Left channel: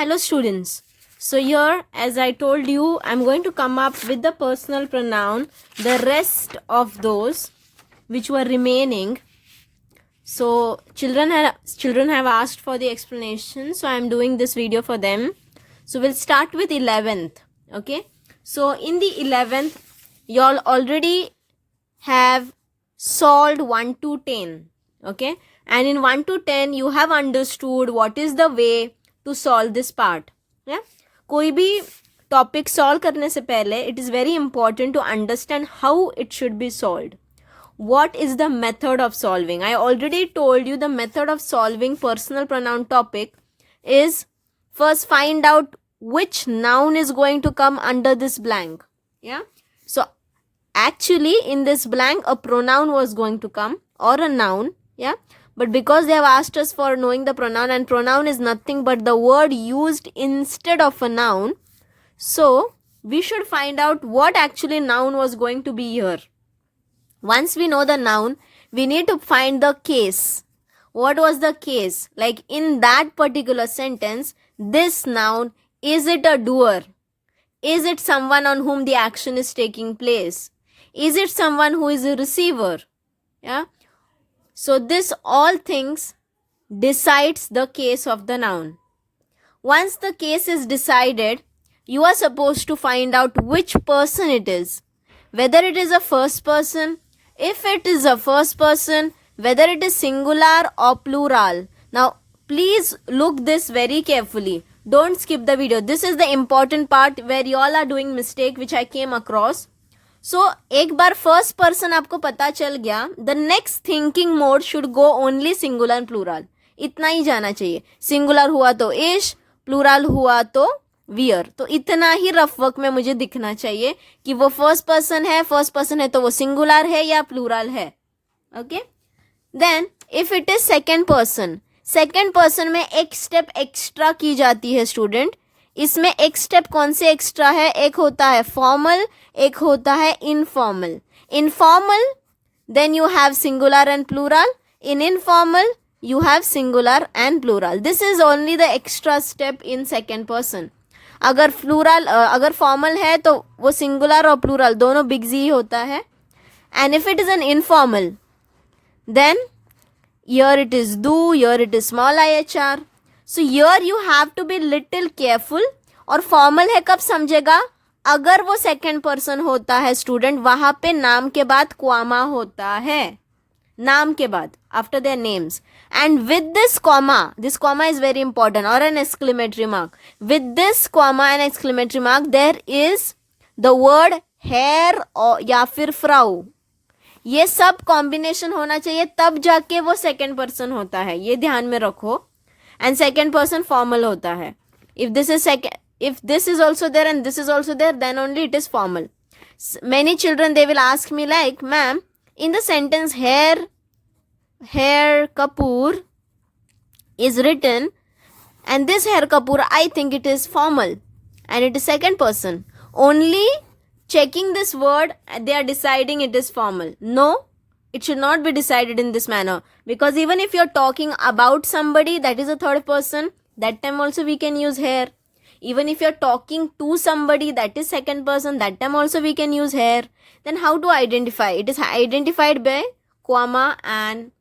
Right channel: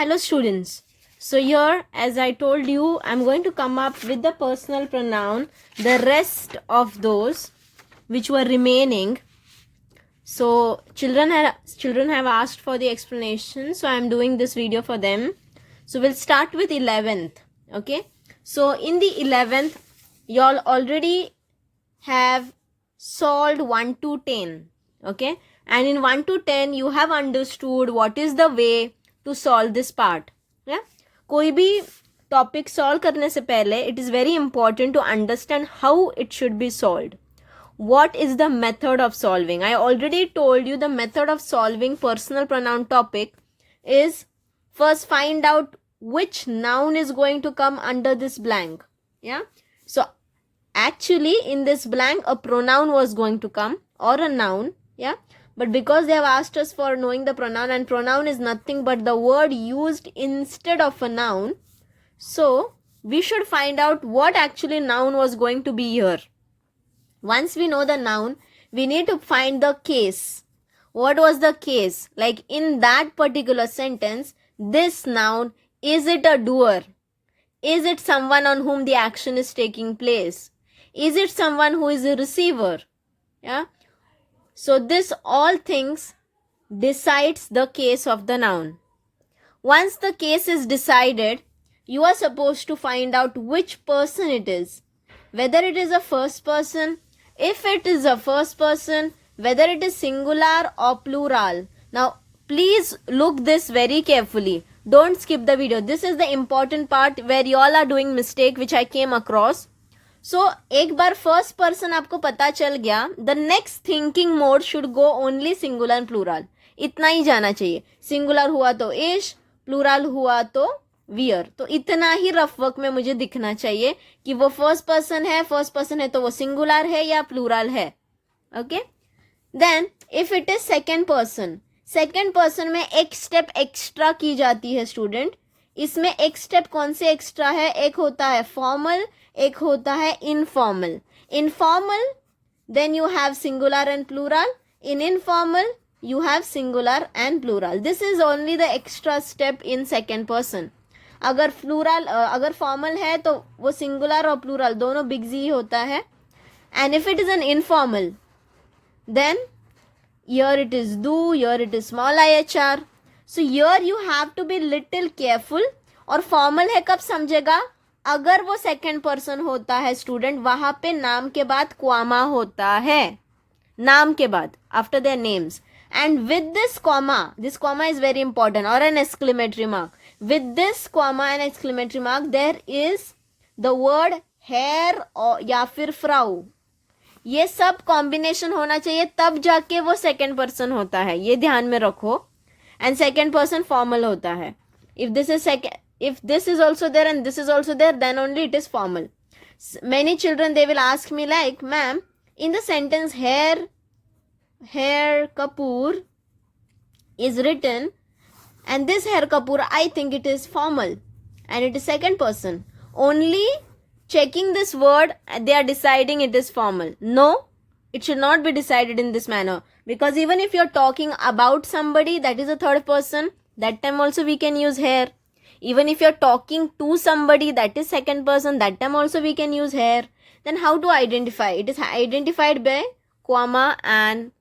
Hello students. So here, as I told you, I'm going to come up with the personal pronoun, the rest of those which were remaining. So children have asked for the explanation, so I'm doing this video for them. So we'll start with 11th. Okay. So in the 11th, y'all already have solved 1 to 10. Okay. And in 1 to 10, you have understood what is the way to solve this part. Yeah. कोई भी topic solve करने से पहले it is very important to understand how it should be solved. What is the method of solving? I already told you the method of solving personal pronoun topic is first find out which noun is going to come under this blank. Yeah. So actually in this blank a pronoun was going to come or a noun. Yeah. But because they have asked us for knowing the pronoun, and pronoun is nothing but the word used instead of a noun. So we should find out what actually noun was going to be here. Once we know the noun, we need to find the case. What was the case? Like in that particular sentence, this noun, is it a doer? Is it someone on whom the action is taking place? Is it someone who is a receiver? Yeah. So this all things decides the case of the noun. Once the case is decided, you are supposed to find out which person it is. Whether it is a first person, if it is a first person, whether it is singular or plural. Now, please look this very carefully. Don't skip the video. This is the important part where you all are doing mistake which I came across. So, एक बार first person आपको पता चल गया, the next thinking mode should go only singular and plural. इतना ही जाना चाहिए. Singular हुआ तो ish, plural हुआ तो wear. तो इतना ही रफ वर्क में मुझे दिखना चाहिए कि वो फर्स्ट पर्सन है तो वो सिंगुलर है या प्लूरल है. Okay. Then if it is second person में एक स्टेप एक्स्ट्रा की जाती है स्टूडेंट. इसमें एक स्टेप कौन से एक्स्ट्रा है? एक होता है फॉर्मल, एक होता है informal. Informal then you have singular and plural. In informal you have singular and plural. This is only the extra step in second person. अगर प्लूरल अगर फॉर्मल है तो वो सिंगुलर और प्लूरल दोनों बिग जी होता है. And if it is an informal then here it is do, here it is small IHR. So here you have to be little careful. और फॉर्मल है कब समझेगा? अगर वो सेकेंड पर्सन होता है स्टूडेंट, वहां पे नाम के बाद क्वामा होता है. नाम के बाद after their names. And with this comma is very important, or an exclamatory mark. With this comma and exclamatory mark, there is the word hair or या फिर frau. ये सब कॉम्बिनेशन होना चाहिए, तब जाके वो सेकेंड पर्सन होता है. ये ध्यान में रखो. एंड सेकेंड पर्सन फॉर्मल होता है. If this is also there and this is also there, then only it is formal. Many children, they will ask me like, ma'am, in the sentence Hair Kapoor is written, and this Hair Kapoor, I think it is formal and it is second person. Only checking this word, they are deciding it is formal. No, it should not be decided in this manner, because even if you are talking about somebody, that is a third person, that time also we can use hair. Even if you are talking to somebody, that is second person, that time also we can use hair. Then how to identify? It is identified by comma and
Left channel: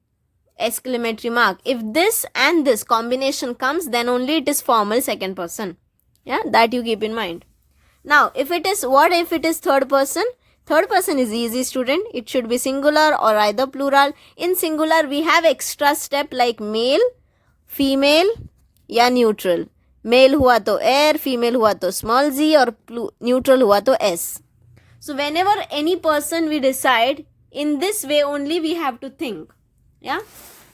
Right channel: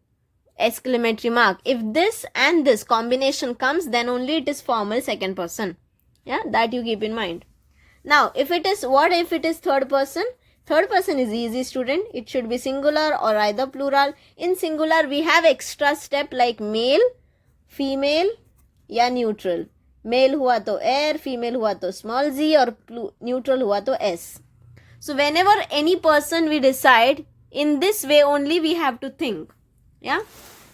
exclamatory mark. If this and this combination comes, then only it is formal second person. Yeah, that you keep in mind. Now, if it is third person? Third person is easy, student. It should be singular or either plural. In singular, we have extra step like male, female या neutral. Male हुआ तो air, female हुआ तो small z, और neutral हुआ तो s. So whenever any person we decide, in this way only we have to think. Yeah.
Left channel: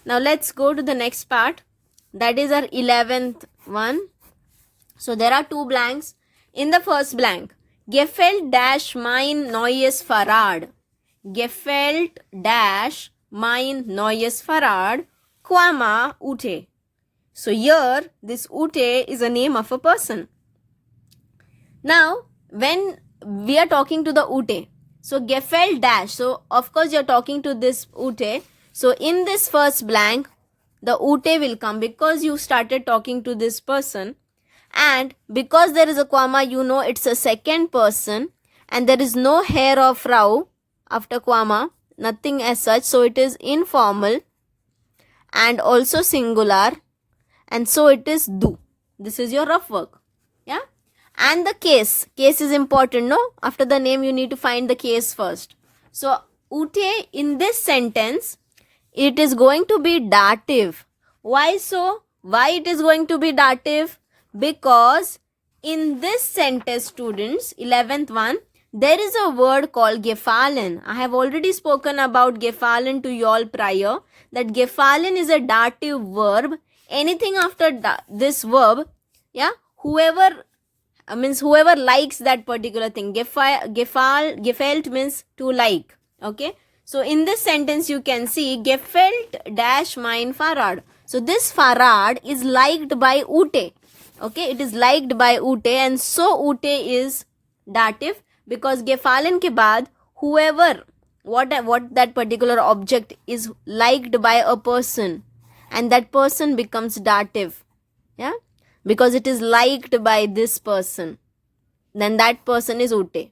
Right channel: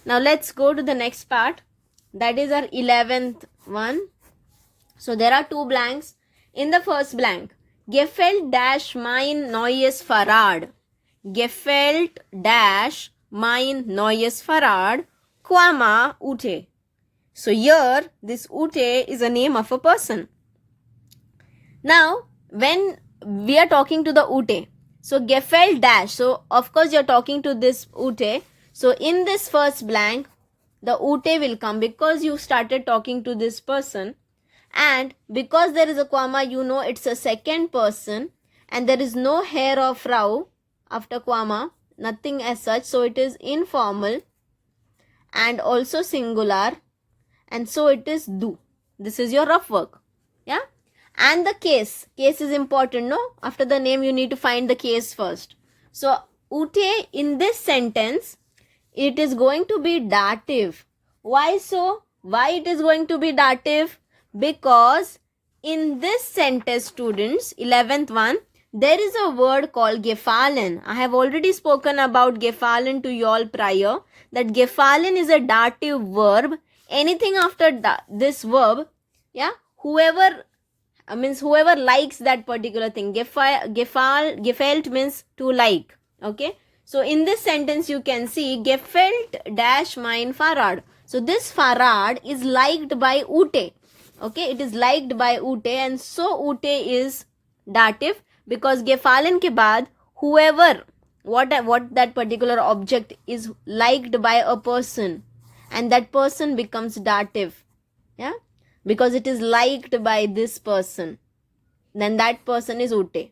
Now let's go to the next part. That is our 11th one. So there are two blanks. In the first blank, gefällt dash mein neues Fahrrad. Gefällt dash mein neues Fahrrad, comma Ute. So here this Ute is a name of a person. Now when we are talking to the Ute, so gefällt dash, so of course you're talking to this Ute. So in this first blank, the Ute will come because you started talking to this person. And because there is a comma, you know it's a second person, and there is no hair or Frau after comma, nothing as such, so it is informal and also singular, and so it is du. This is your rough work. Yeah. And the case is important, no? After the name you need to find the case first. So Ute in this sentence, it is going to be dative. Why so? Why it is going to be dative? Because in this sentence, students, 11th one, there is a word called gefallen. I have already spoken about gefallen to you all prior, that gefallen is a dative verb. Anything after this verb, yeah, whoever likes that particular thing. Gefällt means to like. Okay. So in this sentence you can see gefällt dash mein Fahrrad. So this Fahrrad is liked by Ute. Okay, it is liked by Ute, and so Ute is dative because gefallen ke baad whoever, what that particular object is liked by a person, and that person becomes dative. Yeah, because it is liked by this person, then that person is Ute.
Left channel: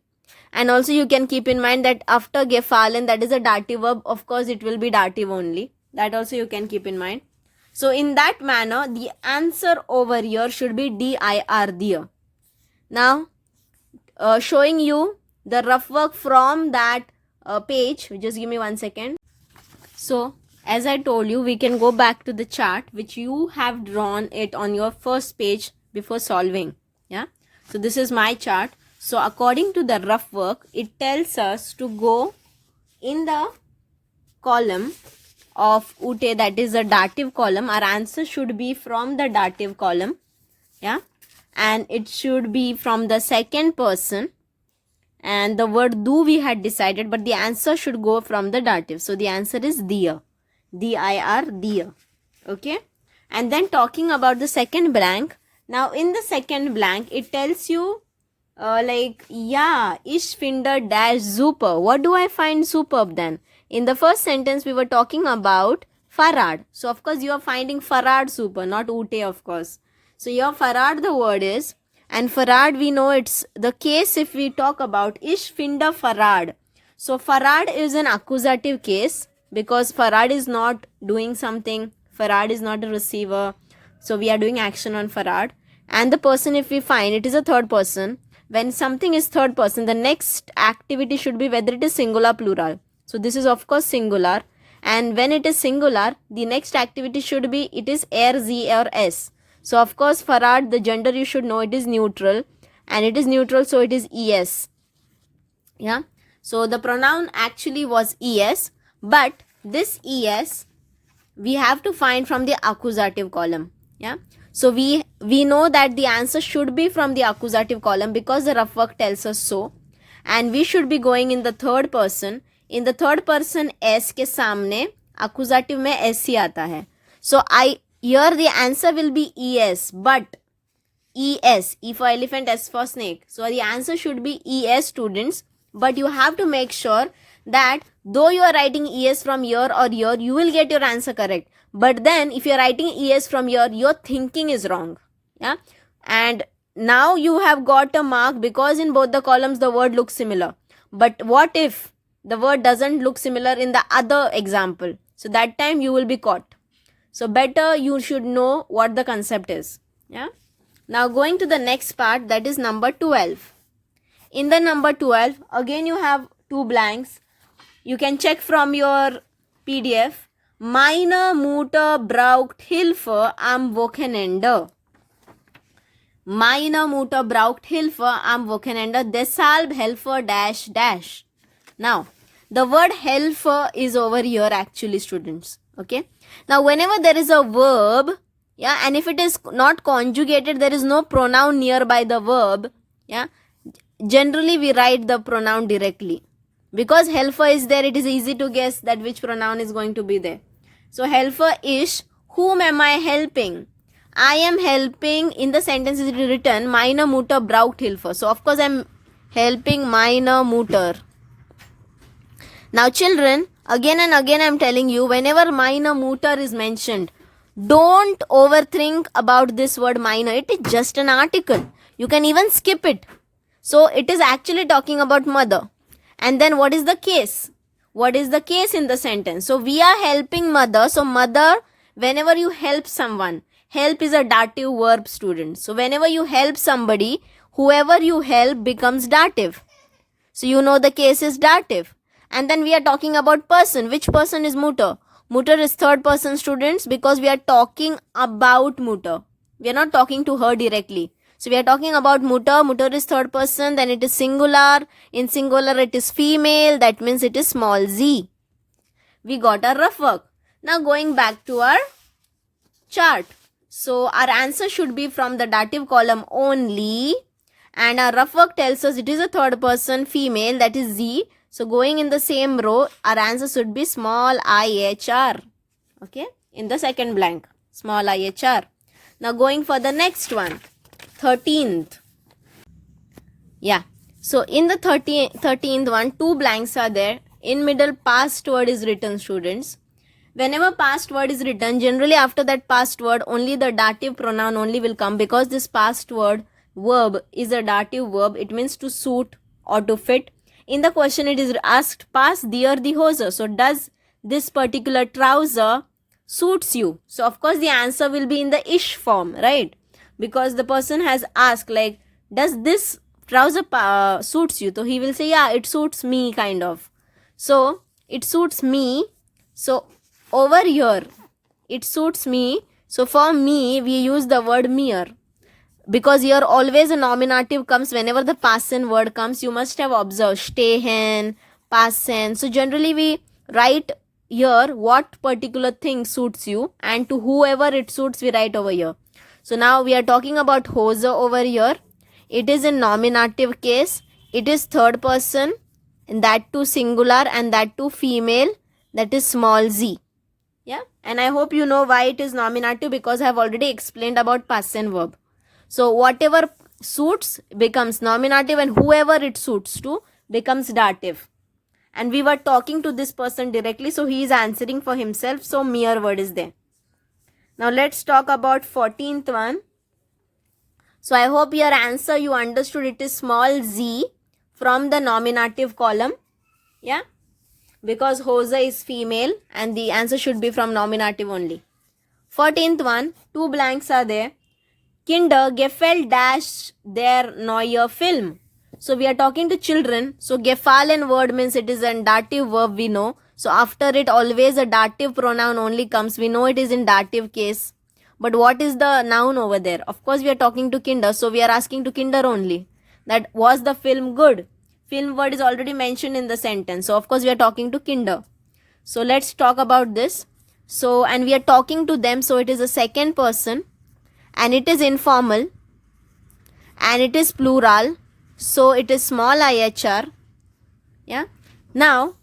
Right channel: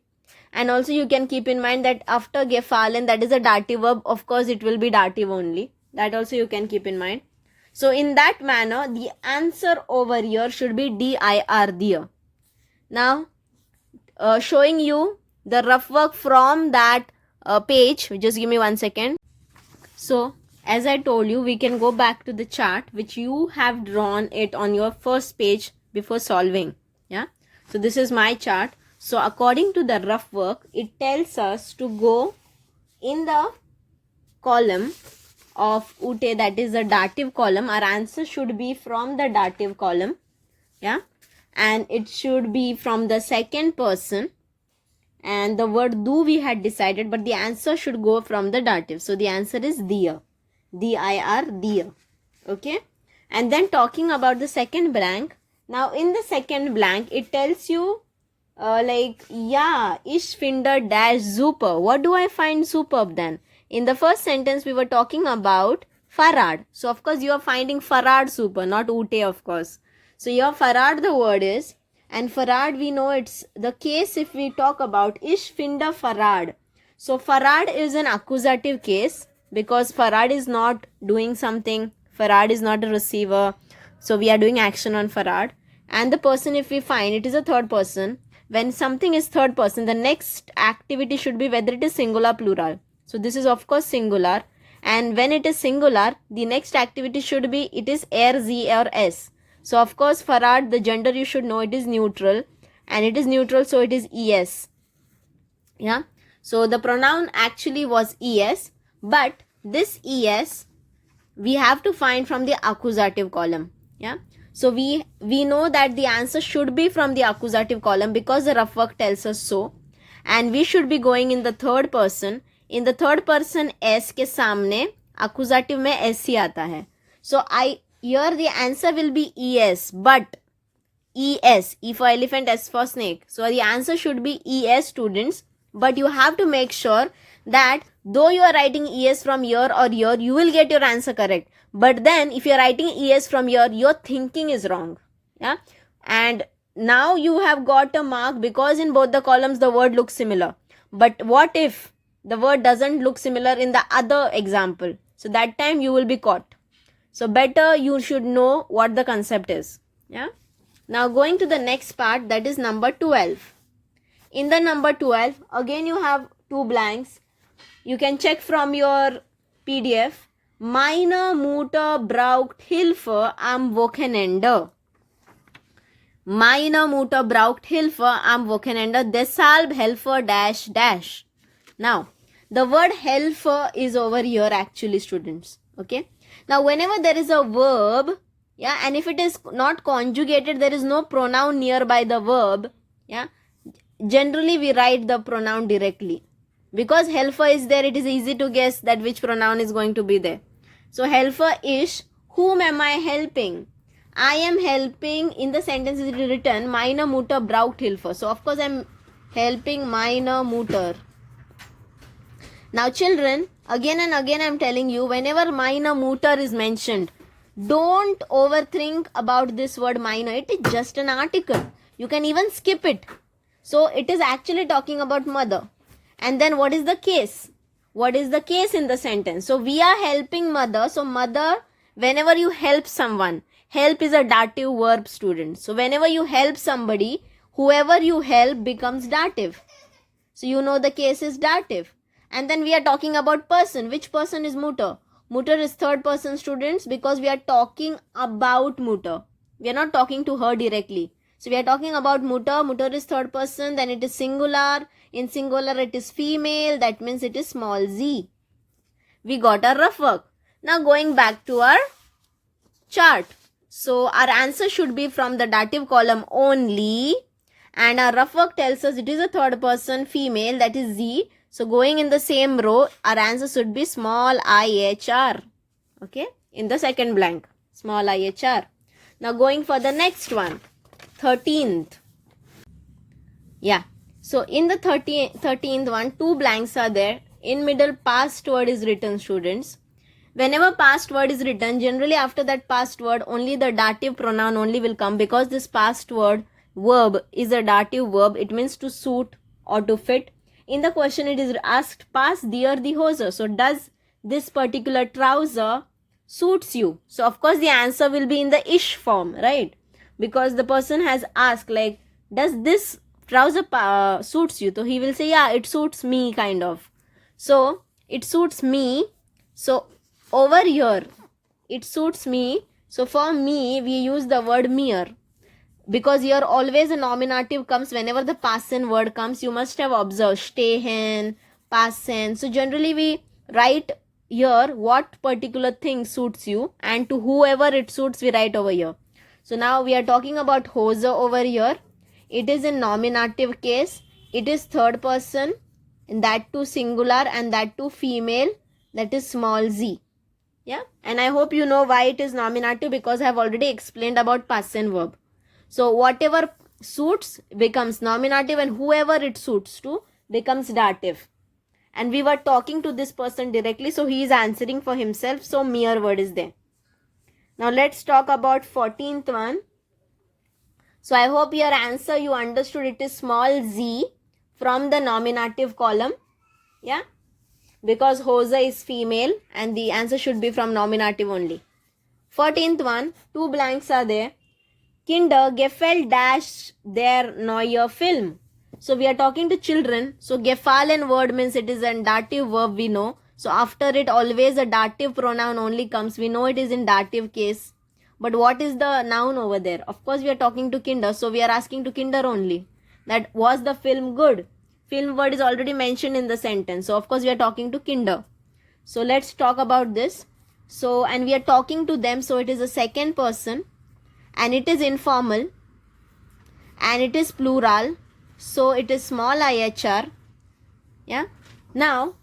And also you can keep in mind that after gefallen, that is a dative verb, of course it will be dative only. That also you can keep in mind. So in that manner, the answer over here should be dir, dear. Now, showing you the rough work from that page. Just give me 1 second. So, as I told you, we can go back to the chart which you have drawn it on your first page before solving. Yeah. So this is my chart. So according to the rough work, it tells us to go in the column of Ute, that is a dative column. Our answer should be from the dative column. Yeah. And it should be from the second person. And the word do we had decided, but the answer should go from the dative. So the answer is dir. dir, dir. Okay. And then talking about the second blank. Now in the second blank, it tells you ich finde dash super. What do I find superb then? In the first sentence, we were talking about Fahrrad. So, of course, you are finding Fahrrad super, not Ute, of course. So, your Fahrrad, the word is, and Fahrrad, we know it's the case if we talk about Ich finde Fahrrad. So, Fahrrad is an accusative case because Fahrrad is not doing something. Fahrrad is not a receiver. So, we are doing action on Fahrrad. And the person, if we find, it is a third person. When something is third person, the next activity should be whether it is singular, plural. So this is of course singular, and when it is singular, the next activity should be it is er, sie or es. So of course Fahrrad, the gender you should know, it is neutral, and it is neutral, so it is es. Yeah. So the pronoun actually was es, but this es we have to find from the accusative column. Yeah. So we know that the answer should be from the accusative column because the rough work tells us so, and we should be going in the third person. In the third person, S के सामने accusative में S ही आता है. So here the answer will be ES, but ES, E for elephant, S for snake. So the answer should be ES, students. But you have to make sure that though you are writing ES from here or here, you will get your answer correct. But then if you are writing ES from here, your thinking is wrong. Yeah. And now you have got a mark because in both the columns the word looks similar. But what if the word doesn't look similar in the other example? So that time you will be caught. So better you should know what the concept is. Yeah. Now going to the next part, that is number 12. In the number 12, again you have two blanks. You can check from your PDF. Meine Mutter braucht Hilfe am Wochenende. Meine Mutter braucht Hilfe am Wochenende. Deshalb helfe dash dash. Now, the word helfe is over here actually, students. Okay. Now, whenever there is a verb, yeah, and if it is not conjugated, there is no pronoun nearby the verb, yeah, generally we write the pronoun directly. Because helfe is there, it is easy to guess that which pronoun is going to be there. So, helfe is, whom am I helping? I am helping, in the sentence is written, meine Mutter braucht Hilfe. So, of course, I am helping meine Mutter. Now, children, again and again I am telling you, whenever meine Mutter is mentioned, Don't overthink about this word minor. It is just an article. You can even skip it. So it is actually talking about mother. And then what is the case? What is the case in the sentence? So we are helping mother. So mother, whenever you help someone, help is a dative verb, students. So whenever you help somebody, whoever you help becomes dative. So you know the case is dative. And then we are talking about person. Which person is Mutter? Mutter is third person, students, because we are talking about Mutter. We are not talking to her directly. So we are talking about Mutter. Mutter is third person, then it is singular. In singular it is female, that means it is small z. We got our rough work. Now going back to our chart. So our answer should be from the dative column only. And our rough work tells us it is a third person female, that is z. So going in the same row, our answer should be small IHR. Okay, in the second blank, small IHR. Now going for the next one, 13th. Yeah, so in the 13th one, two blanks are there. In middle, past word is written, students. Whenever past word is written, generally after that past word, only the dative pronoun only will come, because this past word verb is a dative verb. It means to suit or to fit. In the question it is asked, pass dir the hose. So does this particular trouser suits you? So of course the answer will be in the ish form, right? Because the person has asked, like, does this trouser suits you? So he will say, yeah, it suits me, kind of. So it suits me. So over here, it suits me. So for me, we use the word mere. Because here always a nominative comes whenever the past tense word comes. You must have observed stehen, past tense. So generally we write here what particular thing suits you, and to whoever it suits we write over here. So now we are talking about hose over here. It is in nominative case. It is third person, and that too singular, and that too female, that is small z. Yeah, and I hope you know why it is nominative, because I have already explained about past tense verb. So whatever suits becomes nominative, and whoever it suits to becomes dative. And we were talking to this person directly, so he is answering for himself. So mere word is there. Now let's talk about 14th one. So I hope your answer you understood. It is small z from the nominative column. Yeah, because hose is female and the answer should be from nominative only. 14th one, two blanks are there. Kinder gefällt dash their neue Film. So we are talking to children. So gefallen word means it is a dative verb, we know. So after it always a dative pronoun only comes. We know it is in dative case. But what is the noun over there? Of course we are talking to Kinder. So we are asking to Kinder only. That was the film good? Film word is already mentioned in the sentence. So of course we are talking to Kinder. So let's talk about this. So and we are talking to them. So it is a second person. And it is informal, and it is plural, so it is small IHR. Yeah. Now,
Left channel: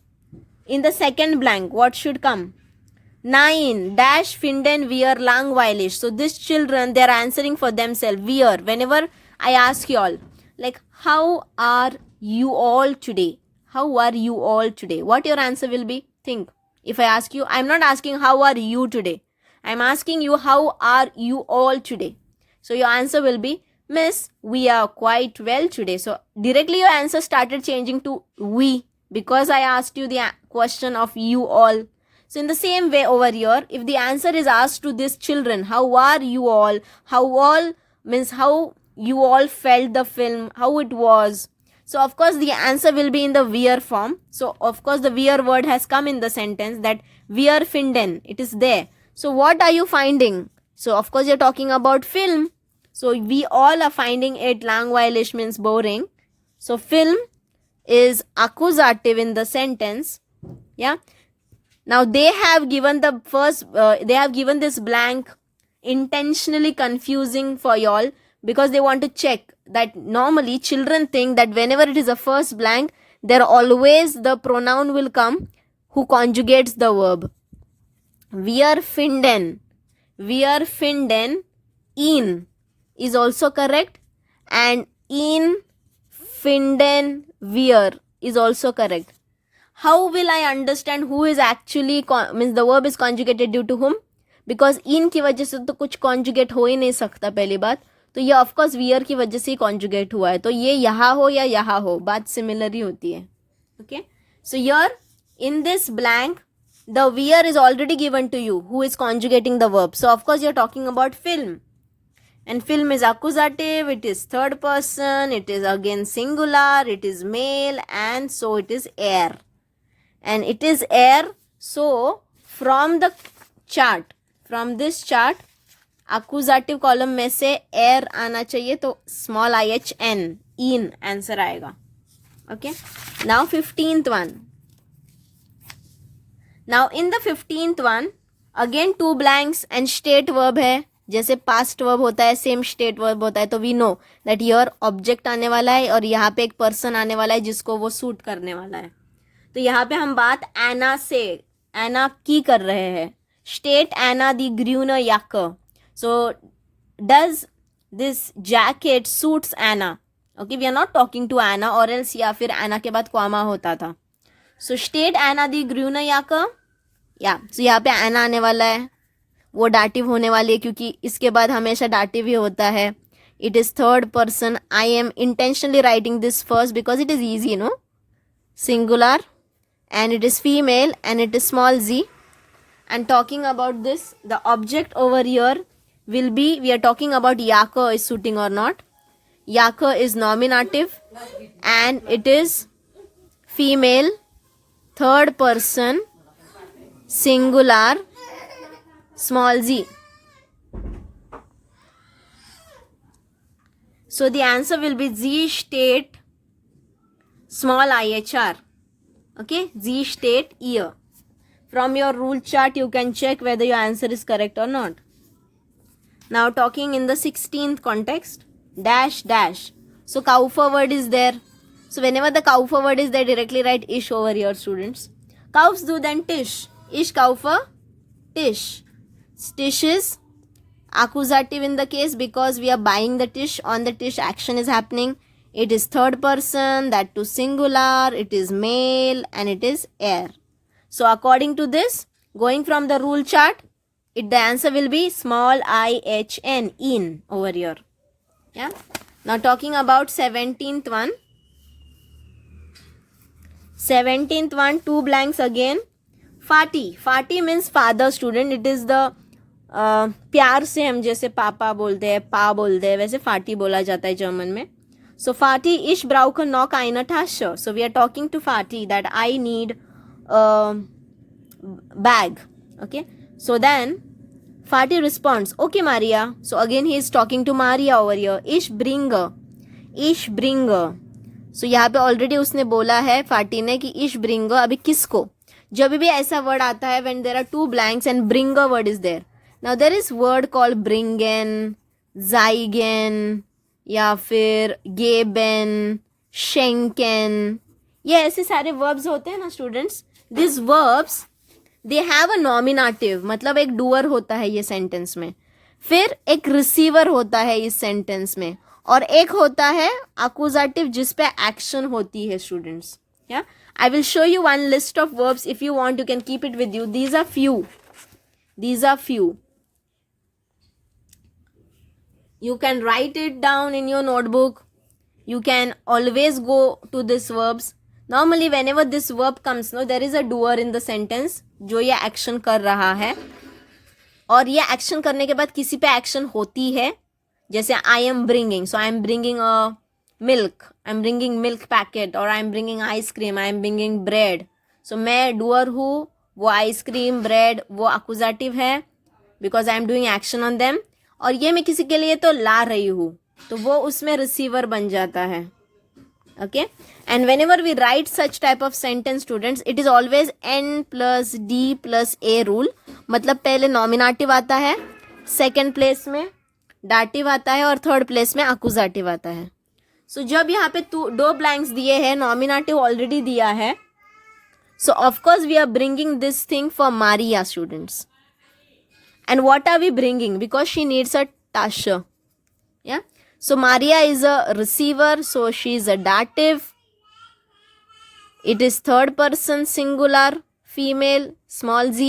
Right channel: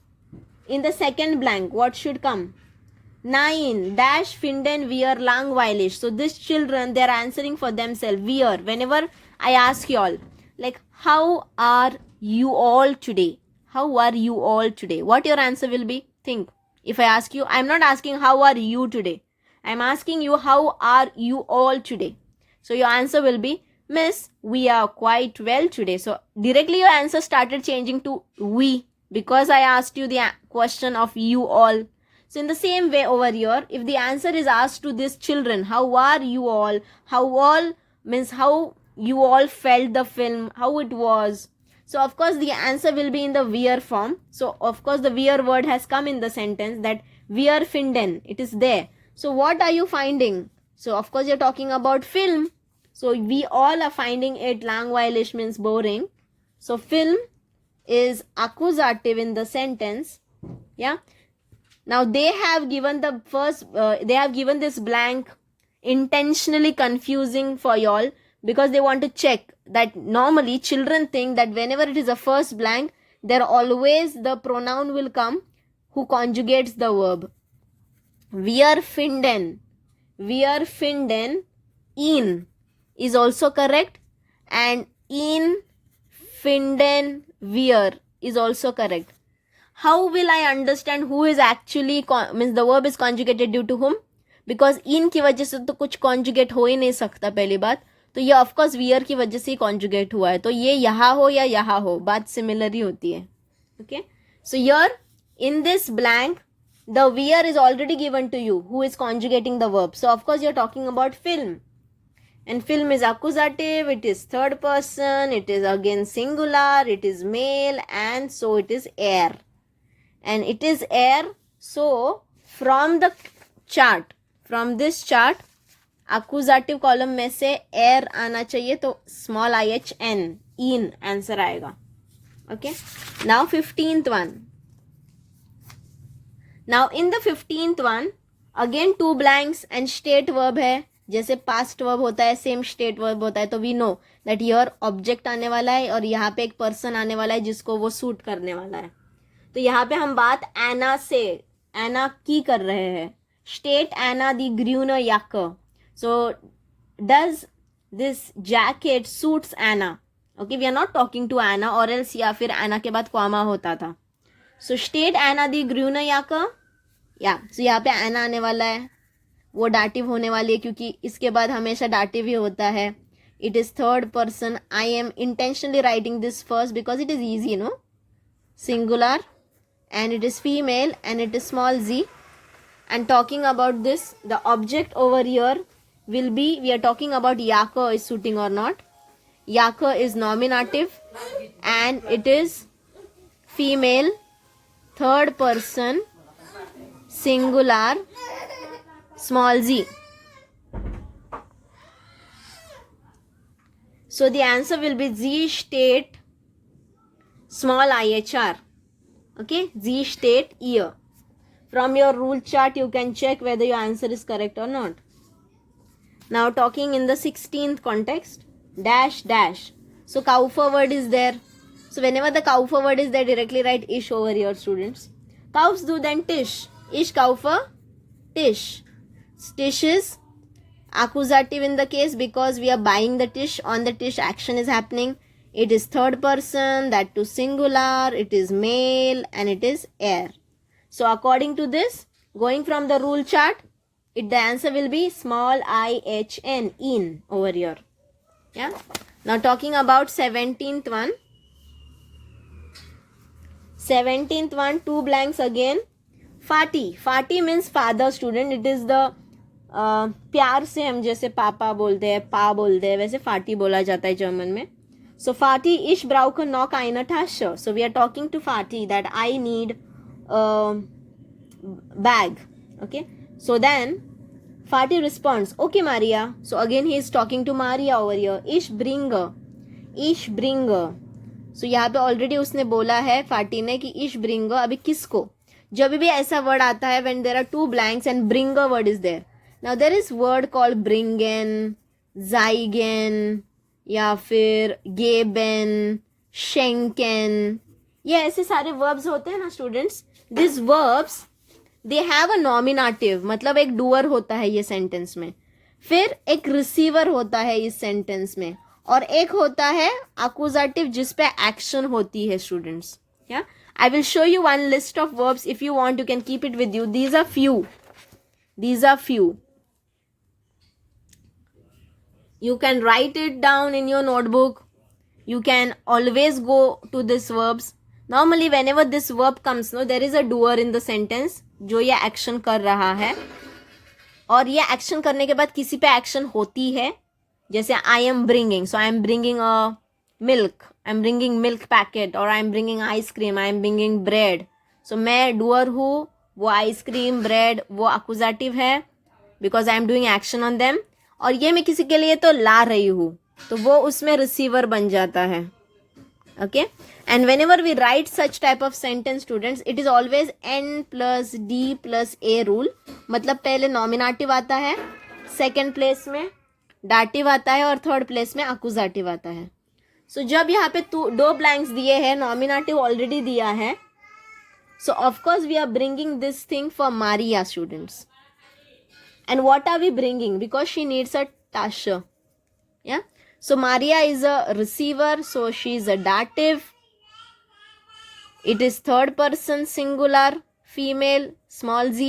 in the second blank, what should come? 9 dash finden wir langweilig. So these children, they are answering for themselves. Wir. Whenever I ask you all, like, how are you all today? How are you all today? What your answer will be? Think. If I ask you, I'm not asking how are you today. I'm asking you, how are you all today? So your answer will be, Miss, we are quite well today. So directly your answer started changing to we, because I asked you the question of you all. So in the same way over here, if the answer is asked to these children, how are you all? How all means how you all felt the film, how it was. So of course the answer will be in the wir form. So of course the wir word has come in the sentence, that wir finden. It is there. So what are you finding? So of course you're talking about film. So we all are finding it langweilig means boring. So film is accusative in the sentence. Yeah. Now they have given the first, they have given this blank intentionally confusing for y'all, because they want to check that normally children think that whenever it is a first blank, there always the pronoun will come who conjugates the verb. Wir finden ihn is also correct, and in finden wir is also correct. How will I understand who is actually means the verb is conjugated due to whom? Because in की वजह से तो कुछ conjugate हो ही नहीं सकता पहली बात, तो ये ऑफकोर्स वियर की वजह से ही कॉन्जुगेट हुआ है, तो ये यहाँ हो या यहाँ हो बात सिमिलर ही होती है. ओके, सो यर in this blank the wear is already given to you who is conjugating the verb, so of course you're talking about film, and film is accusative, it is third person, it is again singular, it is male, and so it is air, and it is air. So from the chart, from this chart accusative column में से air आना चाहिए, तो small IHN in answer आएगा. Okay, now 15th one. Now in the 15th one again two blanks and state verb है, जैसे past verb होता है same state verb होता है, तो we know that here object आने वाला है और यहाँ पे एक person आने वाला है जिसको वो सूट करने वाला है. तो यहाँ पे हम बात एना से, एना की कर रहे हैं. स्टेट एना दी ग्रूनर याक, so does this jacket suits Anna. Okay, we are not talking to Anna, or else या फिर एना के बाद कॉमा होता था. सो स्टेट एना दी ग्रूनर याक, या सो यहाँ पे एना आने वाला है, वो डाटिव होने वाली है क्योंकि इसके बाद हमेशा डाटिव ही होता है. It is third person. I am intentionally writing this first because it is easy, no, singular, and it is female and it is small z. And talking about this, the object over here will be, we are talking about yaka is suiting or not. Yaka is nominative and it is female, third person, singular, small z. So the answer will be z state small IHR. Okay, Z state year. From your rule chart you can check whether your answer is correct or not. Now talking in the 16th context, dash dash. So kaufa word is there. So whenever the kaufa word is there, directly write ish over here, students. Kaufs do then tish. Ish kaufa tish. Tish is accusative in the case because we are buying the tish. On the tish action is happening. It is third person, that too singular, it is male, and it is air. So according to this, going from the rule chart, the answer will be small IHN, in, over here. Yeah. Now talking about 17th one. 17th one, two blanks again. Fati. Fati means father, student. It is the प्यार से हम जैसे पापा बोलते हैं, पा बोलते हैं, वैसे फाटी बोला जाता है जर्मन में. So Fatih, ich brauche noch eine Tasche. So we are talking to Fatih that I need a bag. Okay. So then Fatih responds, okay Maria. So again he is talking to Maria over here. Ich bringe. Ich bringe. So यहाँ पे already उसने बोला है Fatih ने कि ich bringe. अभी किसको? जब भी ऐसा word आता है when there are two blanks and bringe word is there. Now there is word called bringen, zeigen, या फिर गेबन, शेंकन, ये ऐसे सारे वर्ब्स होते हैं ना students. This verbs they have a nominative, मतलब एक डूअर होता है ये सेंटेंस में, फिर एक रिसीवर होता है इस सेंटेंस में, और एक होता है अक्यूजेटिव जिस पे एक्शन होती है स्टूडेंट्स. या I will show you one list of verbs. If you want you can keep it with you. These are few. You can write it down in your notebook. You can always go to these verbs. Normally whenever this verb comes, no, there is a doer in the sentence जो ये action कर रहा है, और ये action करने के बाद किसी पे action होती है. जैसे I am bringing, so I am bringing a milk, I am bringing milk packet, or I am bringing ice cream, I am bringing bread. So मैं doer हूँ, वो ice cream, bread वो accusative है because I am doing action on them. और ये मैं किसी के लिए तो ला रही हूँ, तो वो उसमें रिसीवर बन जाता है. Okay, and whenever we write such type of sentence students, it is always N+D+A rule. मतलब पहले नॉमिनेटिव आता है, सेकेंड प्लेस में डाटिव आता है, और थर्ड प्लेस में अक्यूजेटिव आता है. सो जब यहाँ पे दो ब्लैंक्स दिए हैं, नॉमिनेटिव ऑलरेडी दिया है, so of course we are bringing this thing for Maria students. And what are we bringing? Because she needs a tasche. Yeah. So Maria is a receiver. So she is a dative. It is third person singular, female, small z.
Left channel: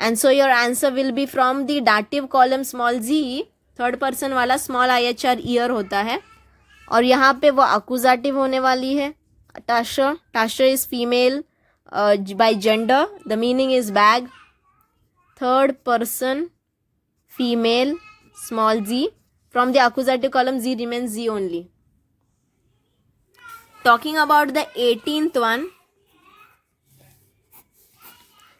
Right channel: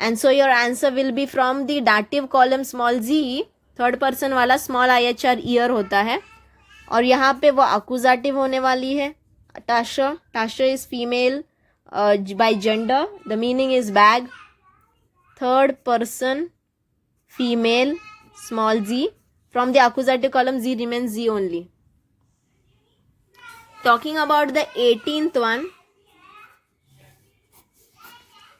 And so your answer will be from the dative column small g, third person वाला small IHR ईयर होता है, और यहाँ पे वो अकुजाटिव होने वाली है Tasha. Tasha is female by gender, the meaning is bag. Third person female small z, from the accusative column z remains z only. Talking about the 18th one,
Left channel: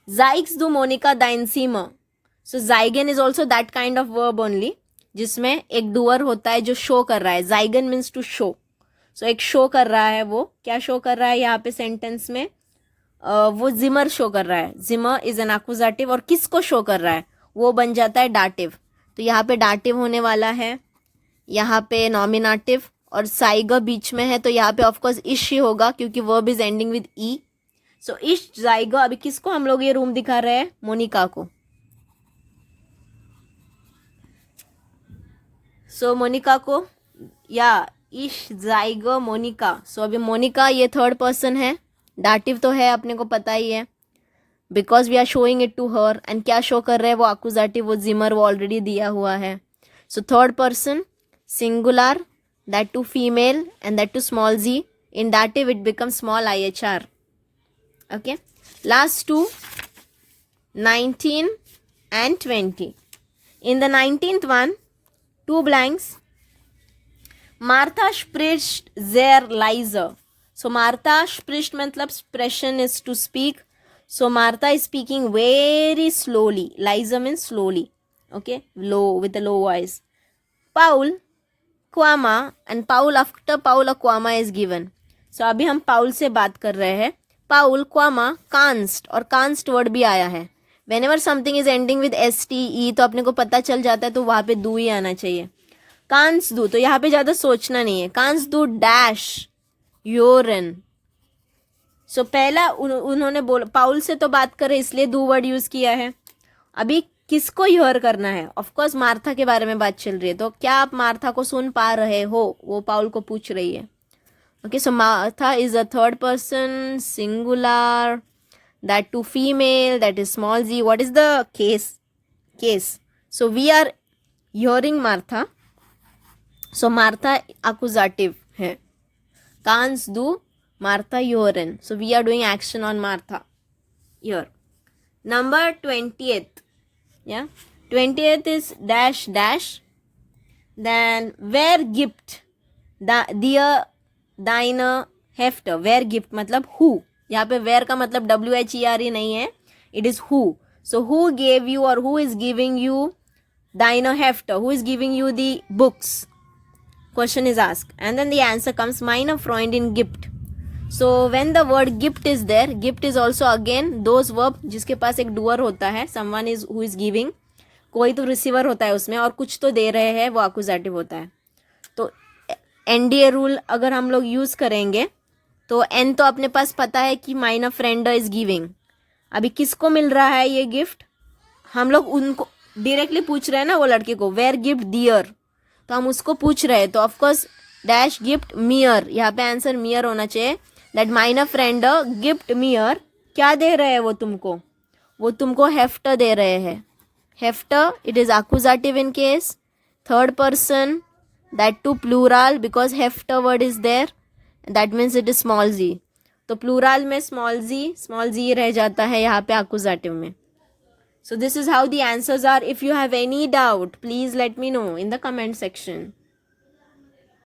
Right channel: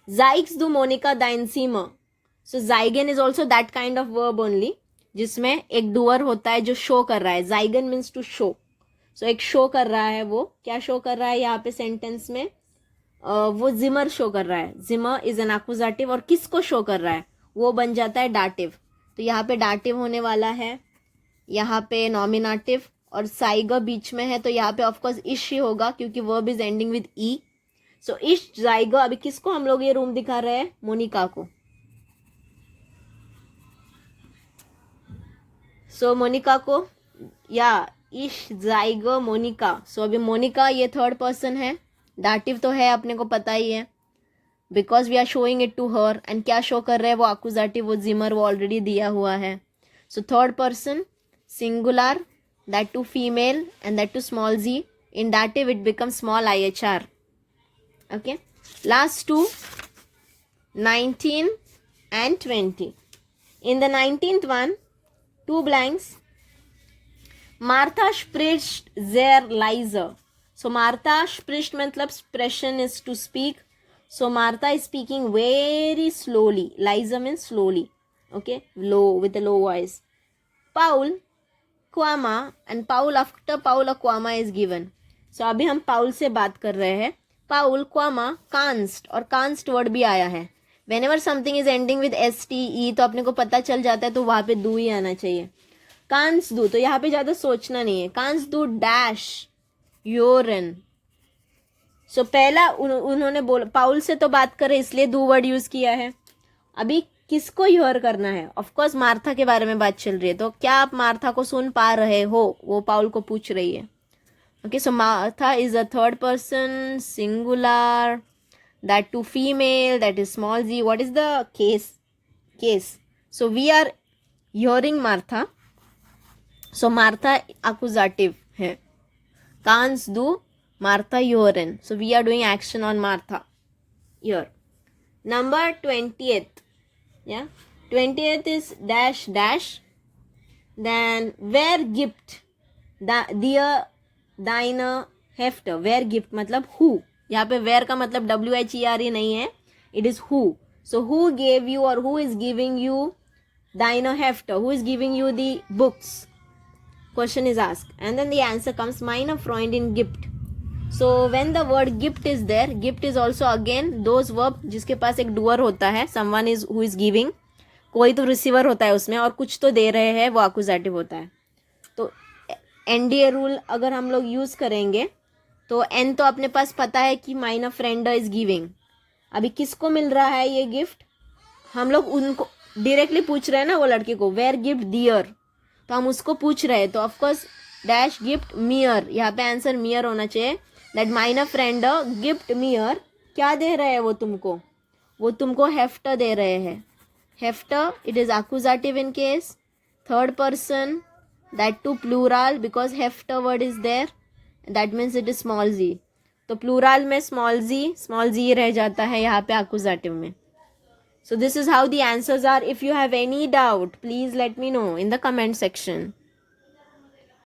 Zyges do Monica dein Zimmer. So zygen is also that kind of verb only, जिसमें एक doer होता है जो show कर रहा है. zygen means to show. So एक show कर रहा है, वो क्या शो कर रहा है यहाँ पे सेंटेंस में, वो जिमर शो कर रहा है. जिमर इज एन एक्यूजेटिव, और किसको शो कर रहा है वो बन जाता है डाटिव. तो यहाँ पे डाटिव होने वाला है, यहाँ पे नॉमिनेटिव, और साइग बीच में है, तो यहाँ पे ऑफकोर्स इश ही होगा क्योंकि वर्ब इज एंडिंग विद ई. सो इश जाइग. अभी किसको हम लोग ये रूम दिखा रहे हैं, मोनिका को. सो मोनिका को, या इश जाइग मोनिका. सो अभी मोनिका ये थर्ड पर्सन है, डाटिव तो है अपने को पता ही है, because we are showing it to her. And क्या शो कर रहे हैं वो एक्यूजेटिव, वो जिमर, वो ऑलरेडी दिया हुआ है. So third person singular, that too female and that too small g. In dative it become small IHR. Okay, last two 19 and 20. In the 19th one, two blanks. Martha spricht sehr leise. So Martha spricht मतलब expression is to speak. So Martha is speaking very slowly. Leise means slowly. Okay, low, with a low voice. Paul, Quama, and Paul, after Paul a Quama is given. So अभी हम Paul से बात कर रहे हैं. Paul, Quama, canst, और canst word भी आया है. Whenever something is ending with STE तो अपने को पता चल जाता है, तो वहाँ पे do ही आना चाहिए. कांस दू, तो यहाँ पे ज़्यादा सोचना नहीं है. कांस दू डैश योरन. सो पहला उन्होंने बोला, पाउल से तो बात करे इसलिए दू वर्ड यूज़ किया है. अभी किसको योर करना है, ऑफकोर्स मार्था के बारे में बात चल रही है. तो क्या आप मार्था को सुन पा रहे हो, वो पाउल को पूछ रही है. Okay, so Martha is a third person singular, that too female, that is small g. What is the case. So we are hearing Martha. So Martha accusative है. कांस डू, मार्था योरन. So we are doing action on Martha here. Number 20th. Yeah, 20th is dash dash. Then where gift dear deine Hefter. Where gift मतलब who. यहाँ पे where का मतलब WHERE नहीं है, it is who. So who gave you or who is giving you deine Hefter? Who is giving you the books? Question is asked, and then the answer comes meine Freundin gibt. So when the word gift is there, gift is also again those verb जिसके पास एक doer होता है, someone is who is giving, कोई तो receiver होता है उसमें, और कुछ तो दे रहे हैं, वो accusative होता है. तो NDA रूल अगर हम लोग यूज़ करेंगे तो N तो अपने पास पता है कि meine friend is giving. अभी किसको मिल रहा है ये गिफ्ट, हम लोग उनको डायरेक्टली पूछ रहे हैं ना, वो लड़के को वेयर गिफ्ट दियर, तो हम उसको पूछ रहे हैं. तो ऑफकोर्स डैश गिफ्ट मियर, यहाँ पे आंसर मियर होना चाहिए. That minor friend gift मियर. क्या दे रहे हैं वो तुमको, वो तुमको हेफ्टर दे रहे हैं. हेफ्टर, it is accusative in case, third person, that too plural, because हेफ्टर word is there, that means it is small g. तो प्लूरल में स्मॉल जी रह जाता है यहाँ पे एक्यूजेटिव में. So this is how the answers are. If you have any doubt, please let me know in the comment section.